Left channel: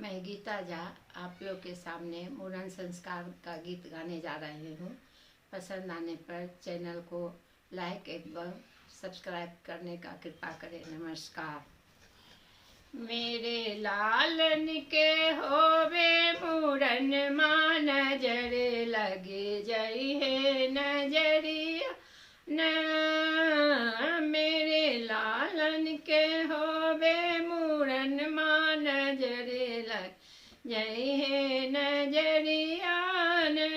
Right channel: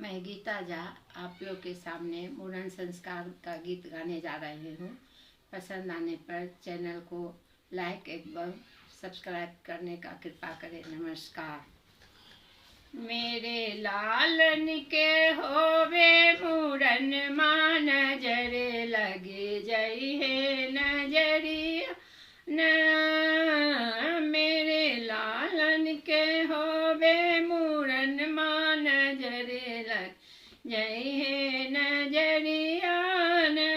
मैं गीता झा आप लोग के सामने मुंडन संस्कार का गीत गाने जा रही हूँ। पसंद आने पर चैनल को लाइक एवं सब्सक्राइब करने का कृपा करें। नमस्कार। मेरे लालन के होवे मुंडन माँ नजर लगे जई है नजरिया न। मेरे लालन के होवे मुंडन माँ नजर लग जई है नजरिया न।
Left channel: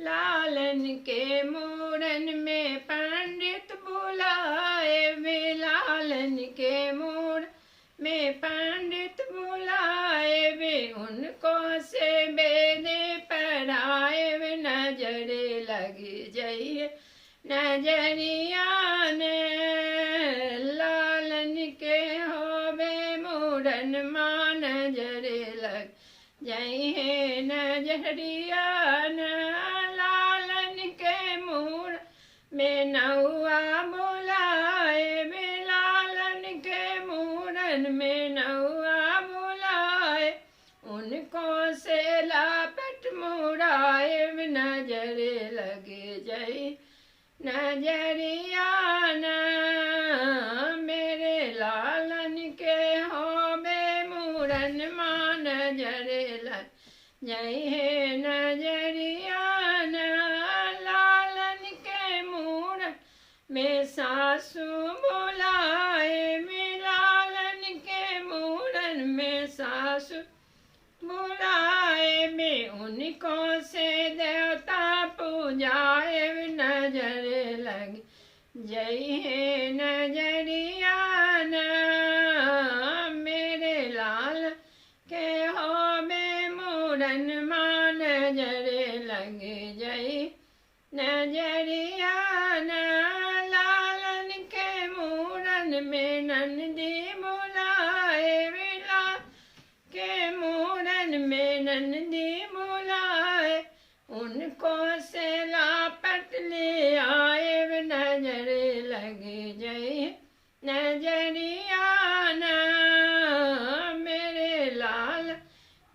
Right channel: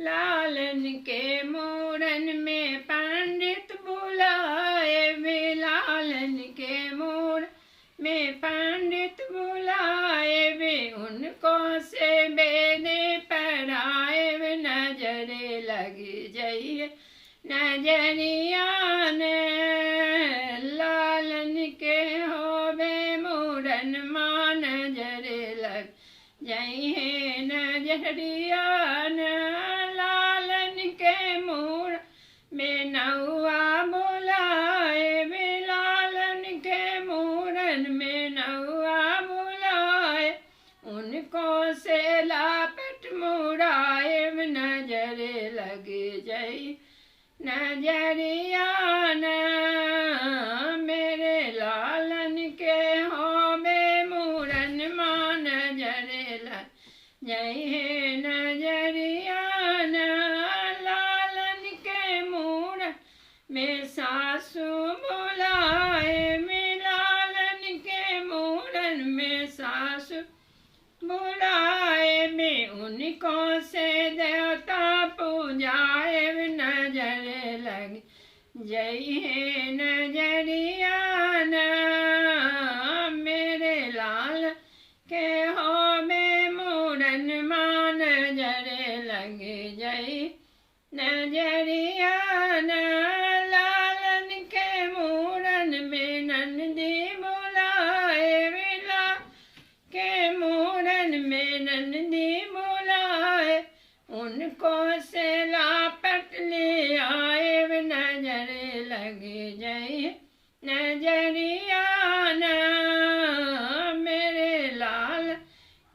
लालन के मुंडन में पंडित बुलाए वे, लालन के मुंडन में पंडित बुलाए वे, उनको से बेने पढ़ाए वे, नजरे लगी जई है नजरिया ने। लालन के होवे मुंडन माँ नजरे लग जई है नजरिया न। लालन के मुंडन में नौआ बुलाए वे, लालन के मुंडन में नौआ बुलाए, उनको से लापट मुड़ाए वे, नजरे लगे जई नजरिया न। मेरे लालन के होवे मुंडन माँ नजरे लग जई है नजरिया न। लालन के मुंडन में सासू बुलाए वे, लालन के मुंडन में सासू बुलाए वे, उनको से देवता पूजाए वे, नजरे लग जई है नजरिया न। मेरे लाल के होवे मुंडन माँ नजरे लगे जई नजरिया न। लालन के मुंडन में नंदी बुलाए वे, लाल के मुंडन में नंदी बुलाए, उनको से लापट ले आए वे, नजरे लगे जई नजरिया न। मेरे लाल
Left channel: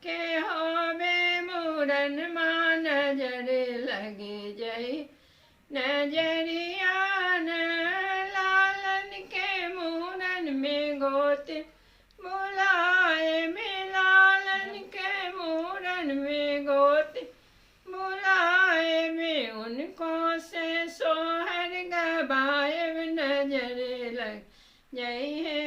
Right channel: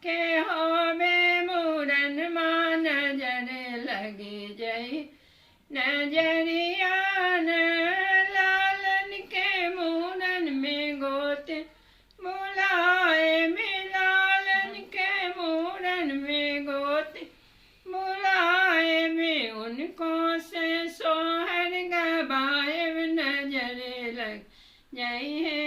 के होवे मुंडन माँ नजरे लगे जई नजरिया न। लालन के मुंडन में गोत बुलाए वे, लालन के मुंडन में गोत बुलाए वे, उनको से सोहर गवाए वे, नजरे लग जई है